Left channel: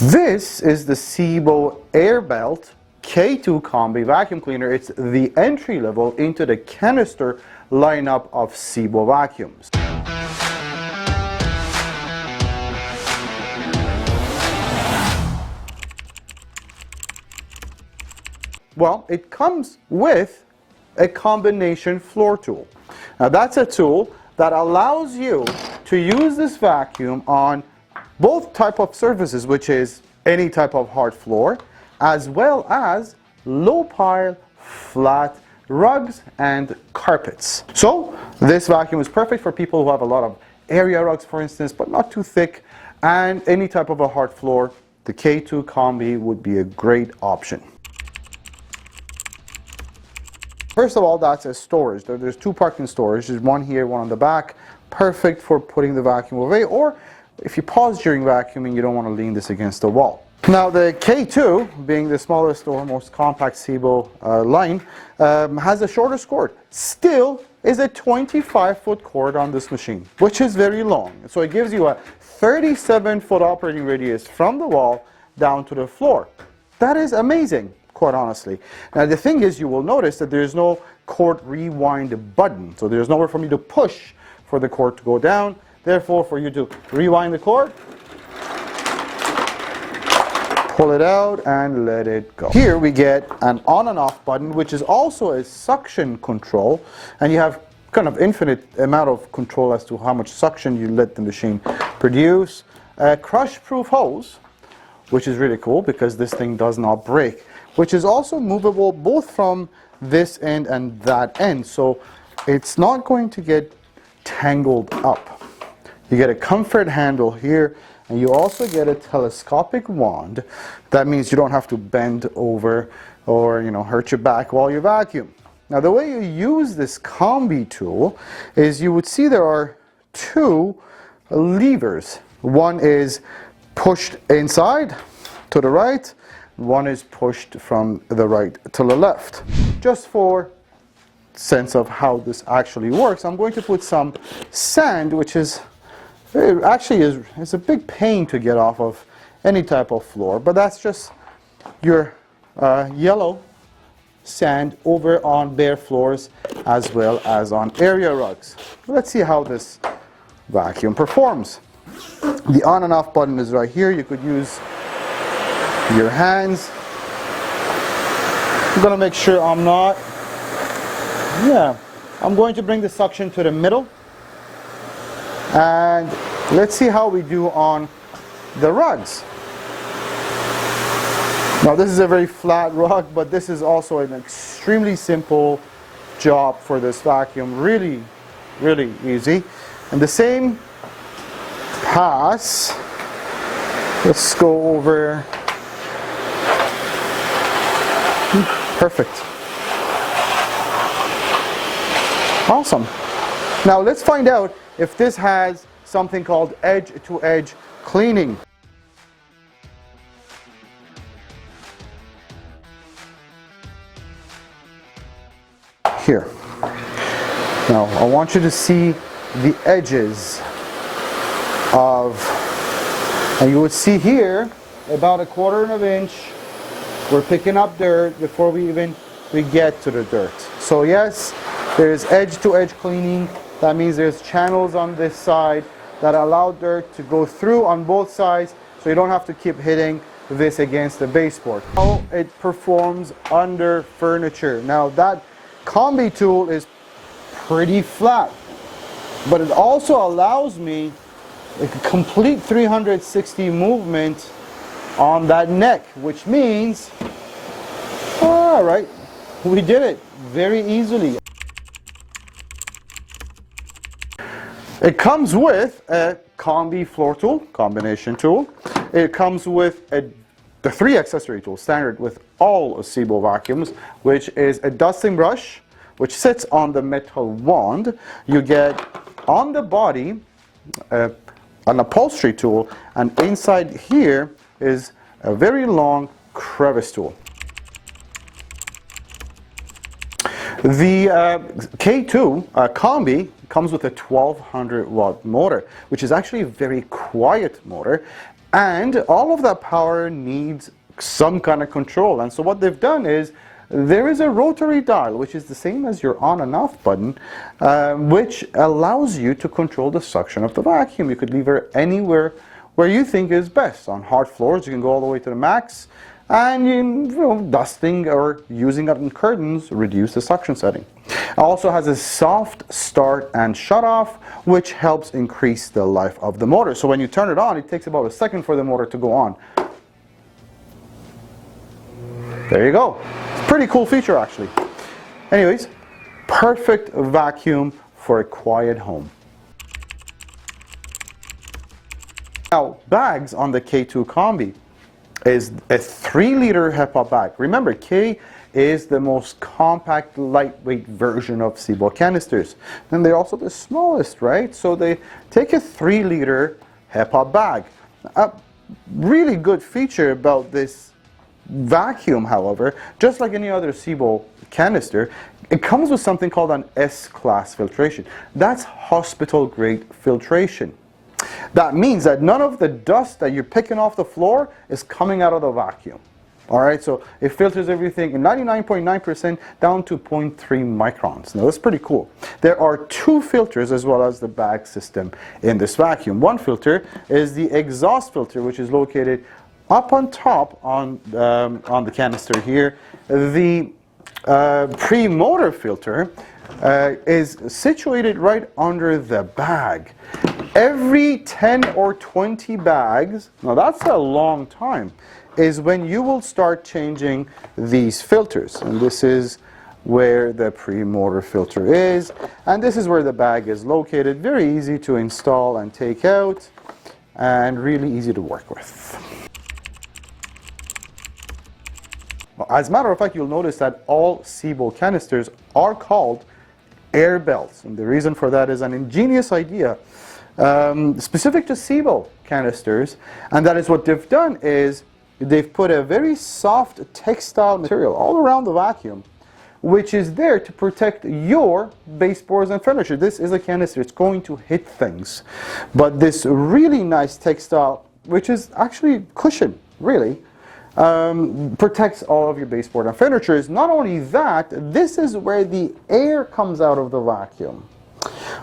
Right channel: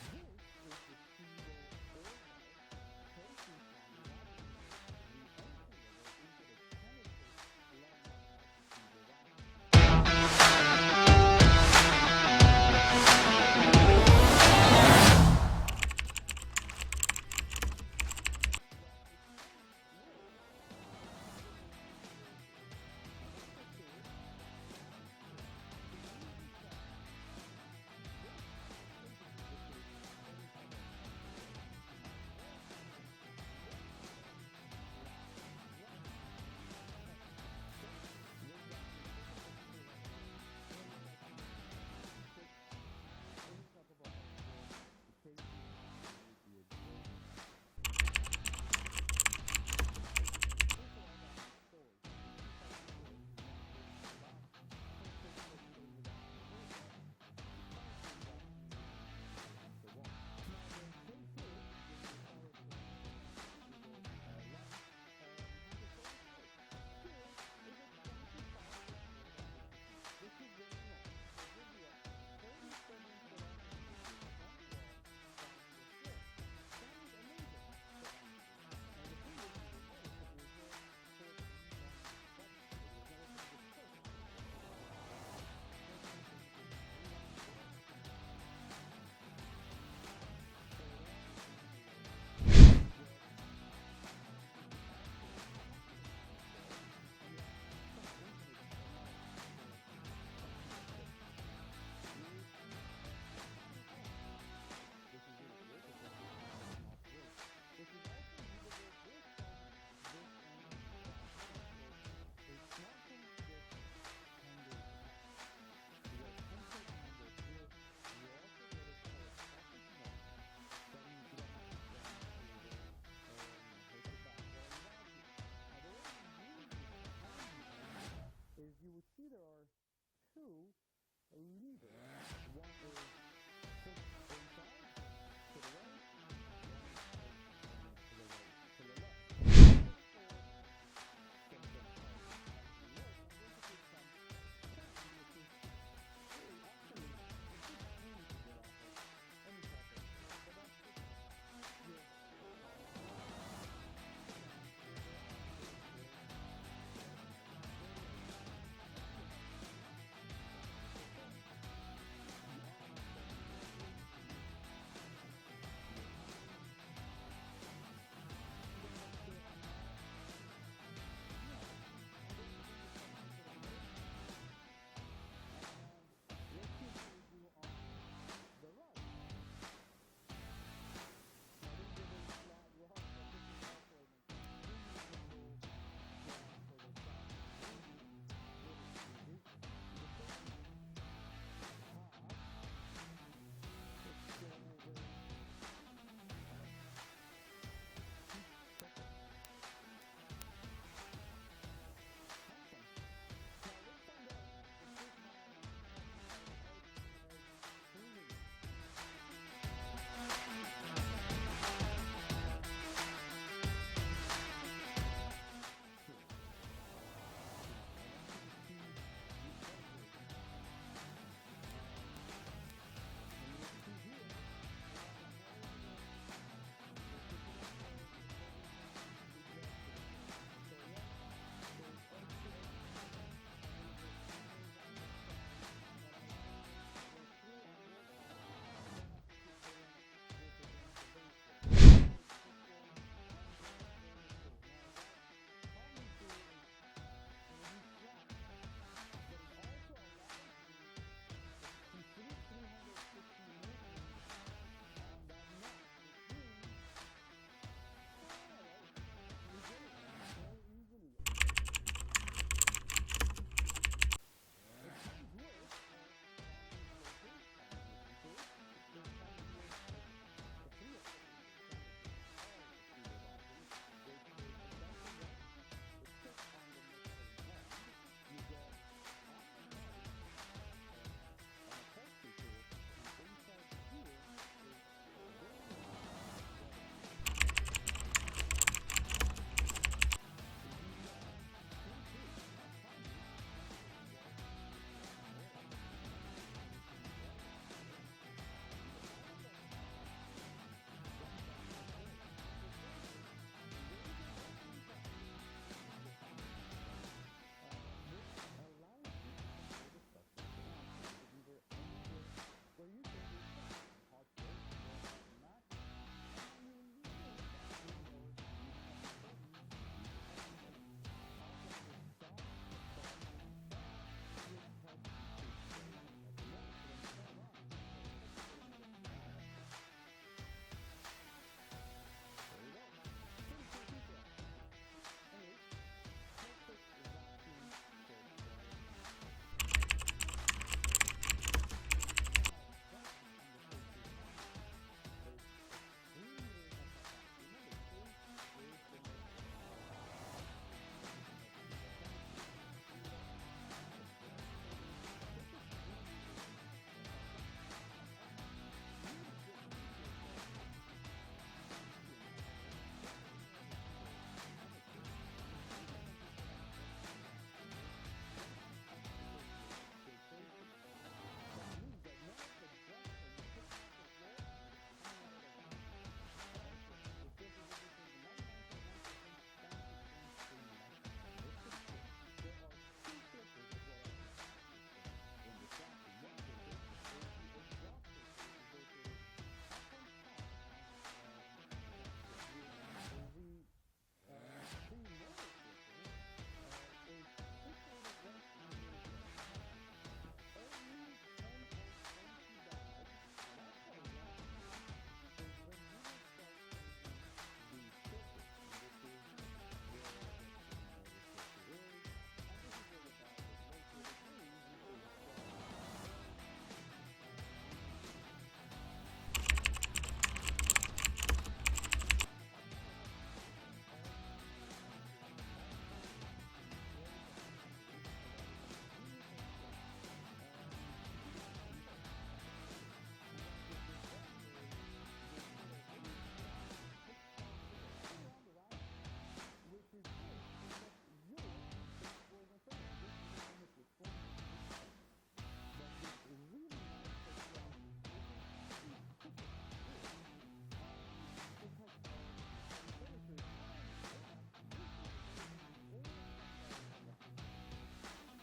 This is the SEBO Airbelt K2 Kombi vacuum cleaner. It's the entry level into the canister lineup of SEBO vacuums. Well, it comes with a combination floor tool. Now that's a tool that allows you to use this vacuum on both type of surfaces, which is any type of hard floor, as well as low pile, flat rugs and carpets. So this vacuum is perfect for people who have a lot of area rugs, for instance, but not too thick, and any type of a hard floor. The K2 Kombi would be a great option. First of all, that's a storage. There's two parking storages. There's one here, one on the back. Perfect for putting the vacuum away, or if you pause during vacuuming, you don't want to lean this against the wall. Now the K2, being the smallest or most compact SEBO line, has a shorter cord. Still is a 25-foot cord on this machine, which is very long. So it gives you a 37-foot operating radius from the wall down to the floor. That is amazing, quite honestly. Now the thing is, you will notice that there's no cord rewind button. So there's nowhere for me to push for the cord to go down. Therefore, for you to rewind the cord, pull it out and let it go. Here we get an on and off button, which is also a suction control, and you have kind of infinite amount of control as to how much suction you let the machine produce. A crush-proof hose, which is really cool because this thing does not break, which is also movable both from this end and that end, so it's not going to get tangled up. You get a comfort handle here, and you also get a telescopic wand. That means you don't have to bend over or hurt your back while you vacuum. Now the way you use this Kombi tool is you would see there are two levers. One is pushed inside to the right, one is pushed from the right to the left. Just for sense of how this actually works, I'm going to put some sand, which is it's a big pain to get off of any type of floor, but that's just your yellow sand over on bare floors as well as on area rugs. Let's see how this vacuum performs. The on and off button is right here. You could use your hands. I'm going to make sure I'm going to bring the suction to the middle. And let's see how we do on the rugs. Now this is a very flat rug, but this is also an extremely simple job for this vacuum. Really, really easy. And the same pass. Let's go over. Perfect. Awesome. Now let's find out if this has something called edge-to-edge cleaning. Here. Now I want you to see the edges of, and you would see here about 1/4 of an inch. We're picking up dirt before we get to the dirt. So yes, there's edge-to-edge cleaning. That means there's channels on this side that allow dirt to go through on both sides, so you don't have to keep hitting this against the baseboard. How it performs under furniture. Now that Kombi tool is pretty flat, but it also allows me a complete 360 movement on that neck, which means, all right, we did it very easily. It comes with a Kombi floor tool, combination tool. It comes with the 3 accessory tools, standard with all SEBO vacuums, which is a dusting brush, which sits on the metal wand. You get on the body an upholstery tool, and inside here is a very long crevice tool. The K2 Kombi comes with a 1200 watt motor, which is actually a very quiet motor, And all of that power needs some kind of control. And so what they've done is there is a rotary dial, which is the same as your on and off button, which allows you to control the suction of the vacuum. You could leave it anywhere where you think is best. On hard floors, you can go all the way to the max, and you know, dusting or using it in curtains, reduce the suction setting. It also has a soft start and shut off, which helps increase the life of the motor. So when you turn it on, it takes about a second for the motor to go on. There you go. It's a pretty cool feature, actually. Anyways, perfect vacuum for a quiet home. Now, bags on the K2 Kombi is a 3-liter HEPA bag. Remember, K is the most compact, lightweight version of SEBO canisters. And they're also the smallest, right? So they take a 3-liter HEPA bag. A really good feature about this vacuum, however, just like any other SEBO canister, it comes with something called an S-class filtration. That's hospital-grade filtration. That means that none of the dust that you're picking off the floor is coming out of the vacuum. All right, so it filters everything in 99.9% down to 0.3 microns. Now that's pretty cool. There are 2 filters as well as the bag system in this vacuum. One filter is the exhaust filter, which is located up on top on the canister here. The pre-motor filter is situated right under the bag. Every 10 or 20 bags, now that's a long time, is when you will start changing these filters. And this is where the pre-motor filter is, and this is where the bag is located. Very easy to install and take out, and really easy to work with. As a matter of fact, you'll notice that all SEBO canisters are called Airbelts, and the reason for that is an ingenious idea specific to SEBO canisters, and that is what they've done is they've put a very soft textile material all around the vacuum, which is there to protect your baseboards and furniture. This is a canister, it's going to hit things, but this really nice textile, which is actually cushion, really, protects all of your baseboard and furniture. Not only that, this is where the air comes out of the vacuum.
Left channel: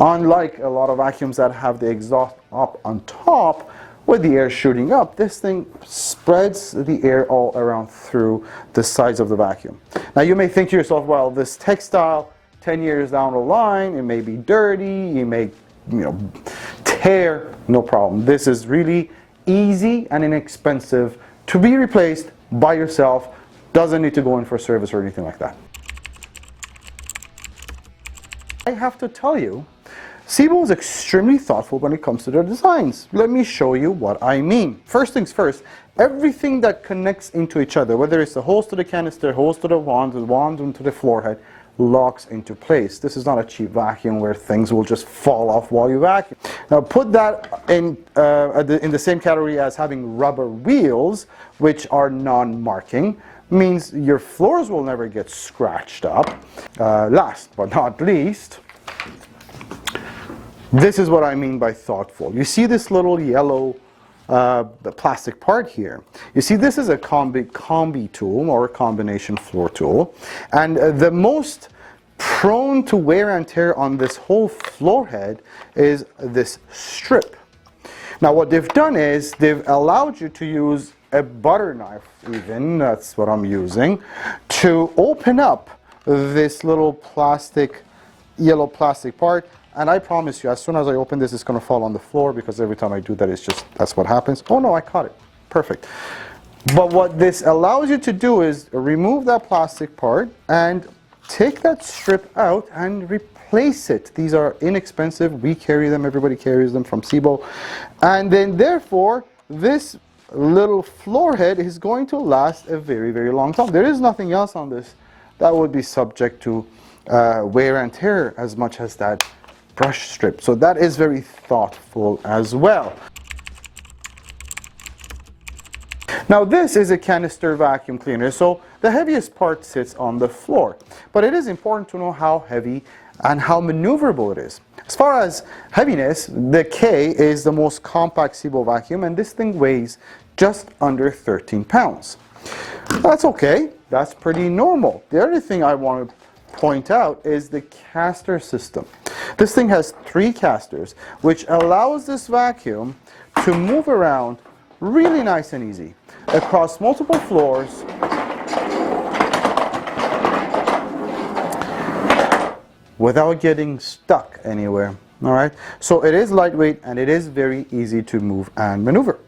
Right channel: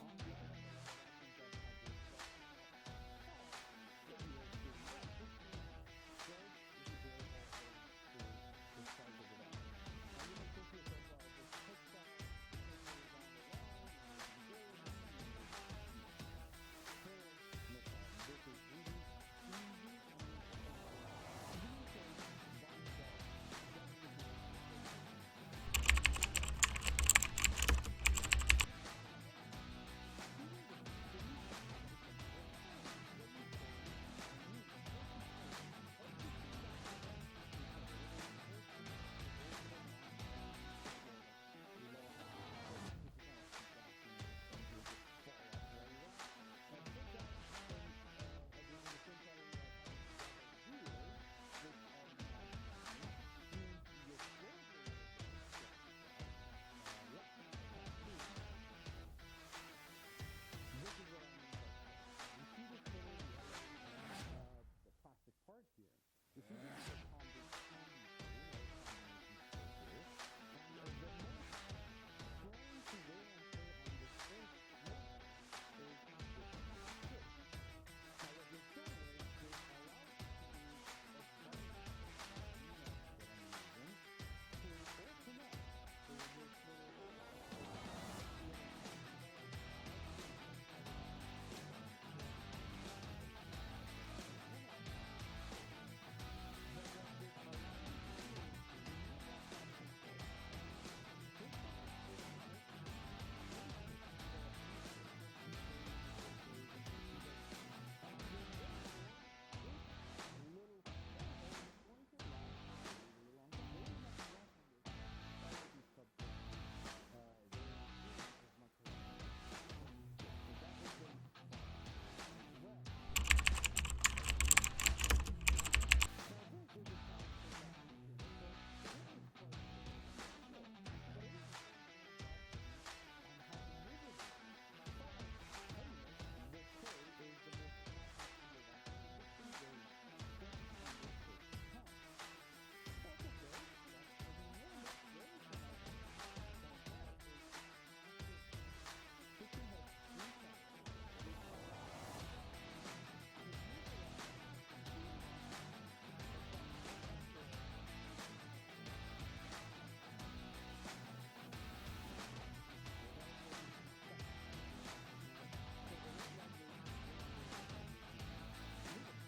Unlike a lot of vacuums that have the exhaust up on top with the air shooting up, this thing spreads the air all around through the sides of the vacuum. Now you may think to yourself, well, this textile 10 years down the line, it may be dirty, it may tear. No problem. This is really easy and inexpensive to be replaced by yourself. Doesn't need to go in for service or anything like that. I have to tell you, SEBO is extremely thoughtful when it comes to their designs. Let me show you what I mean. First things first, everything that connects into each other, whether it's the hose to the canister, hose to the wand into the floor head, locks into place. This is not a cheap vacuum where things will just fall off while you vacuum. Now put that in the same category as having rubber wheels, which are non-marking. Means your floors will never get scratched up. Last but not least, this is what I mean by thoughtful. You see this little yellow plastic part here. You see, this is a Kombi tool, or a combination floor tool, and the most prone to wear and tear on this whole floor head is this strip. Now what they've done is they've allowed you to use a butter knife, even, that's what I'm using, to open up this little yellow plastic part. And I promise you, as soon as I open this, it's going to fall on the floor, because every time I do that, that's what happens. Oh no, I caught it. Perfect. But what this allows you to do is remove that plastic part and take that strip out and replace it. These are inexpensive. We carry them. Everybody carries them from SEBO. And then therefore, this little floor head is going to last a very, very long time. There is nothing else on this that would be subject to wear and tear as much as that brush strip. So that is very thoughtful as well. Now this is a canister vacuum cleaner, so the heaviest part sits on the floor. But it is important to know how heavy and how maneuverable it is. As far as heaviness, the K is the most compact SEBO vacuum, and this thing weighs just under 13 pounds. That's okay, that's pretty normal. The other thing I want to point out is the caster system. This thing has 3 casters, which allows this vacuum to move around really nice and easy across multiple floors without getting stuck anywhere. All right, so it is lightweight and it is very easy to move and maneuver.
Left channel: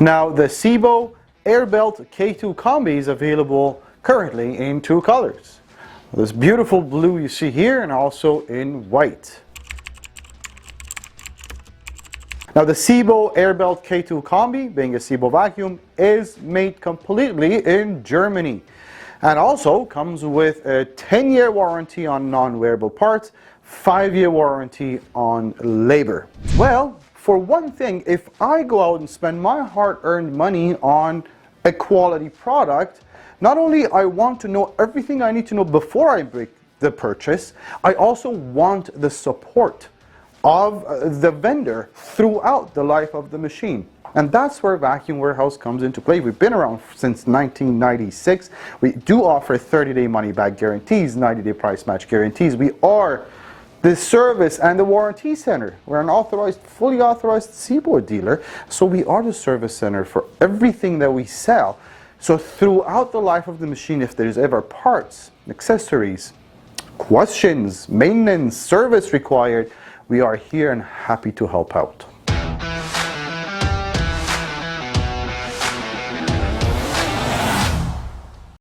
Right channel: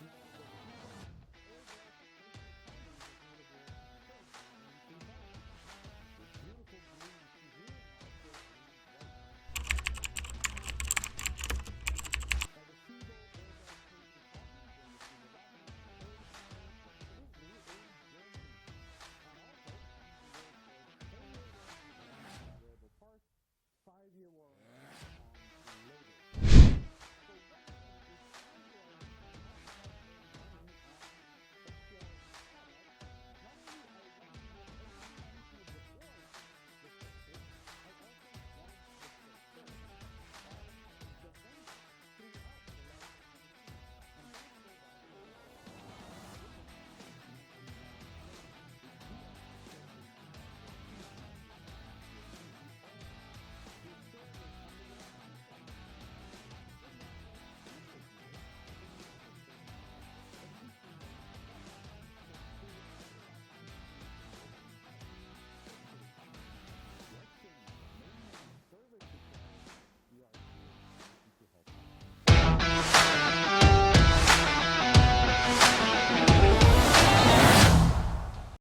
Now the SEBO Airbelt K2 Kombi is available currently in 2 colors. This beautiful blue you see here, and also in white. Now the SEBO Airbelt K2 Kombi, being a SEBO vacuum, is made completely in Germany, and also comes with a 10-year warranty on non-wearable parts, 5-year warranty on labor. Well, for one thing, if I go out and spend my hard-earned money on a quality product, not only I want to know everything I need to know before I make the purchase, I also want the support of the vendor throughout the life of the machine. And that's where Vacuum Warehouse comes into play. We've been around since 1996. We do offer 30-day money-back guarantees, 90-day price match guarantees. We are the service and the warranty center. We're an authorized, fully authorized SEBO dealer, so we are the service center for everything that we sell. So throughout the life of the machine, if there's ever parts, accessories, questions, maintenance, service required, we are here and happy to help out.